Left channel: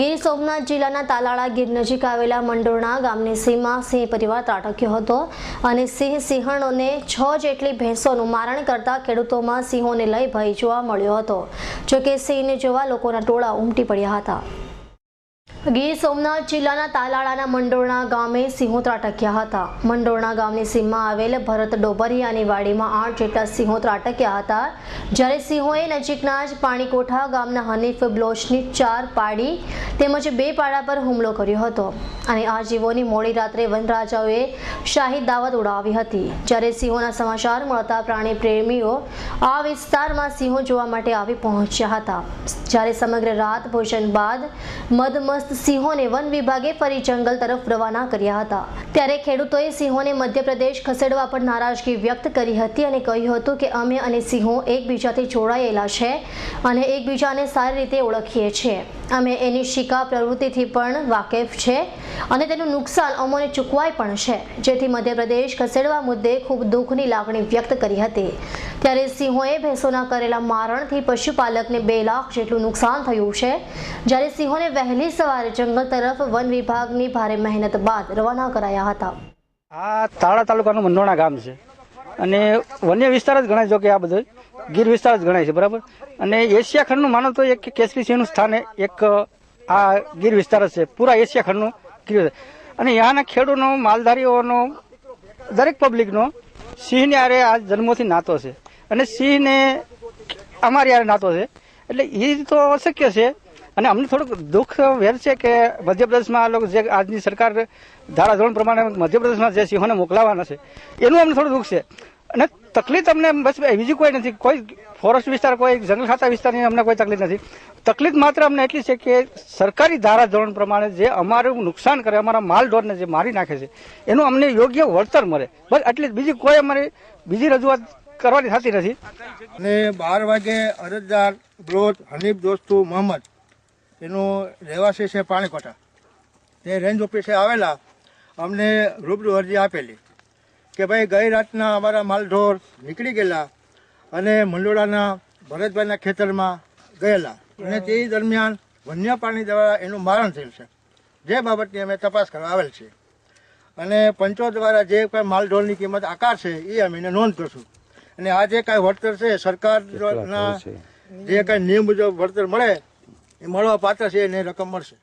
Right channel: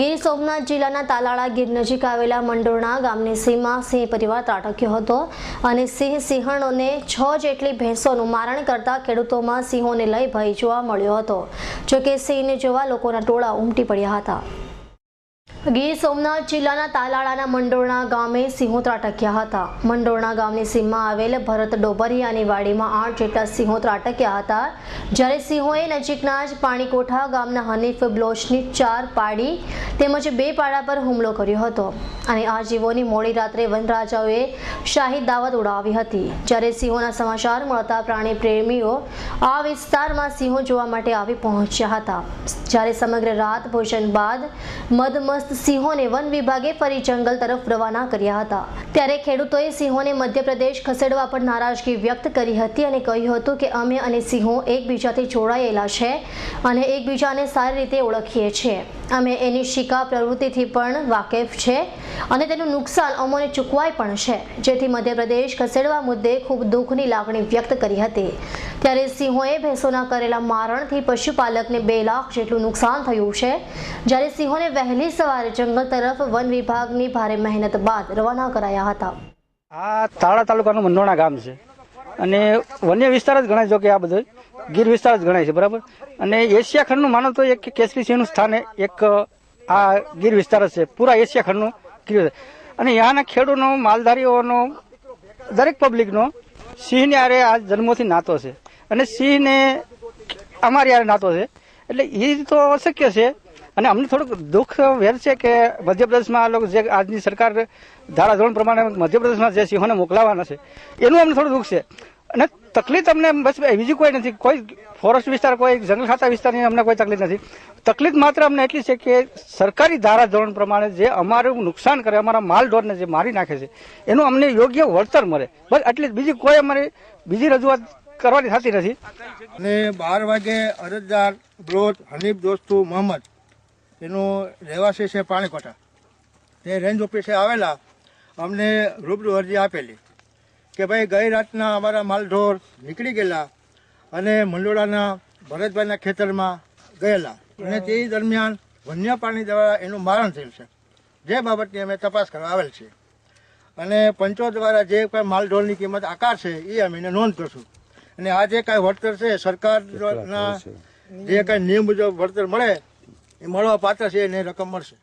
ગીર સોમનાથ જિલ્લાના તાલાળા ગીર નજીક આવેલા મંડોરણા ગામની સીમમાં સિંહ પરિવાર ત્રાટક્યો હતો અને સિંહણોને 6 જેટલી ભેંસોનું મારણ કરતા ખેડૂતોમાં સિંહોને લઈ ભય જોવા મળ્યો હતો। જોકે સિંહને જોવા લોકોના ટોળા ઉમટી પડ્યા હતા। ગીર સોમનાથ જિલ્લાના તાલાળાના મંડોરણા ગામે સિંહો ત્રાટક્યા હતા। મંડોરણા ગામની સીમમાં આવેલ ભરત ડોબરિયાની વાડીમાં 8 જેટલા સિંહો ત્રાટક્યા હતા, જ્યારે સિંહોએ નજીકના જ પાણીકોઠા ગામના હનીફ બ્લોચની 4 પાડી તેમજ 2 પાડા પર હુમલો કર્યો હતો અને આ જીવોની મોડી રાત્રે વનરાજાઓએ શાહી દાવત ઉડાવી હતી। જ્યારે સિંહોના સમાચાર મળતા પ્રાણી પ્રેમીઓ આ વિસ્તારમાં સિંહો જોવા માટે આવી પહોંચ્યા હતા। જ્યારે સમગ્ર રાત ભોજન બાદ મદમસ્ત સિંહોને વન વિભાગે ફરી જંગલ તરફ રવાના કર્યા હતા। ત્યારે ખેડૂતોએ સિંહોને મધ્યપ્રદેશ ખસેડવા પર નારાજગી વ્યક્ત કરી હતી અને કહ્યું હતું કે અમે અને સિંહો એકબીજાથી જોડાયેલા છે અને એકબીજાને સારી રીતે ઓળખીએ છીએ। અમે એની શિકાર પ્રવૃત્તિથી પણ વાકેફ છે અને તેનું નુકસાન અમોને ચૂકવાય પણ છે, જેથી મધ્યપ્રદેશ ખસેડવા મુદ્દે ખૂબ દુઃખની લાગણી વ્યક્ત કરી હતી। ત્યારે સિંહોએ ભેંસોના કરેલા મારણથી પશુપાલકને 2 લાખ જેટલું નુકસાન થયું છે, જ્યારે સિંહોને વહેલી સવારે જંગલ તરફ વન વિભાગની ભારે મહેનત બાદ રવાના કરાયા હતા। આ તાળા તાલુકાનું મંડોરણા ગામ છે અને વન્ય વિસ્તાર જ ગણાય, જો કે આ બધો ગીર વિસ્તાર જ ગણાય છે, બરાબર। અને એશિયા ખંડનું માનો તો એક કેસરી સિંહનું સ્થાન એક આ ગીર વિસ્તાર જ છે, પૂરા એશિયા ખંડનું ગીર। અને ત્યાંના ખેડૂતોનો, માલધારીઓનો, દરેક પબ્લિકનો સિંહને આરે આ જન્મોથી નાતો છે અને સિંહને અમારી આરે નાતો છે, એટલે એ તો અશક્ય છે। અને અમને થોડુંક દુઃખ વેર છે કે મધ્યપ્રદેશમાં આ લોકો જે આજની સરકાર ધારાધોરણ પ્રમાણે મધ્યપ્રદેશમાં જે સિંહોને મોકલાવાના છે એનું અમને થોડું દુઃખ છે। અને તકલીફ અમને બસ બીજી કોઈ નથી, કોઈ ફોરેસ્ટ વિસ્તાર, કોઈ જંગલ ખાતા વિસ્તારની અમને કોઈ તકલીફ નથી। તકલીફ માત્ર અમને એટલી છે કે સરકારી ધારાધોરણ પ્રમાણે જે અમારું નુકસાન કરે, અમારા માલ ઢોરને જે મારી નાખે છે એનું અમને યોગ્ય વળતર મળે, બસ એટલી બીજી કોઈ અમારી બીજી રજૂઆત કરવાની થતી નથી। અને 12 વાગે અરજદાર બ્લોચ હનીફ દોસ્તુ મોહમ્મદ એનું રહેવાસી છે પાણીકોઠા, તે રેન્જ ઓફિસે આવેલા અમને રૂબરૂ અરજી આપેલી કે ભાઈ ગઈ રાતના અમારા માલઢોર નીકળી ગયેલા અને મંડોળાના ભરતભાઈના ખેતરમાં ગયેલા અને તે દરમિયાન વન્ય પ્રાણી દ્વારા એનું મારણ થયેલ છે, જે બાબતની અમે તપાસ કરવા આવેલ છે અને પંચો દ્વારા જે કાંઈ માલઢોરની કિંમત આકાર છે એ અમે એને નોંધ કરશું અને આ જે કાંઈ વળતર છે સરકારના જે કાંઈ નિયમ મુજબ વળતર મળે એ મળવા પાત્ર છે એને રકમ મળશે।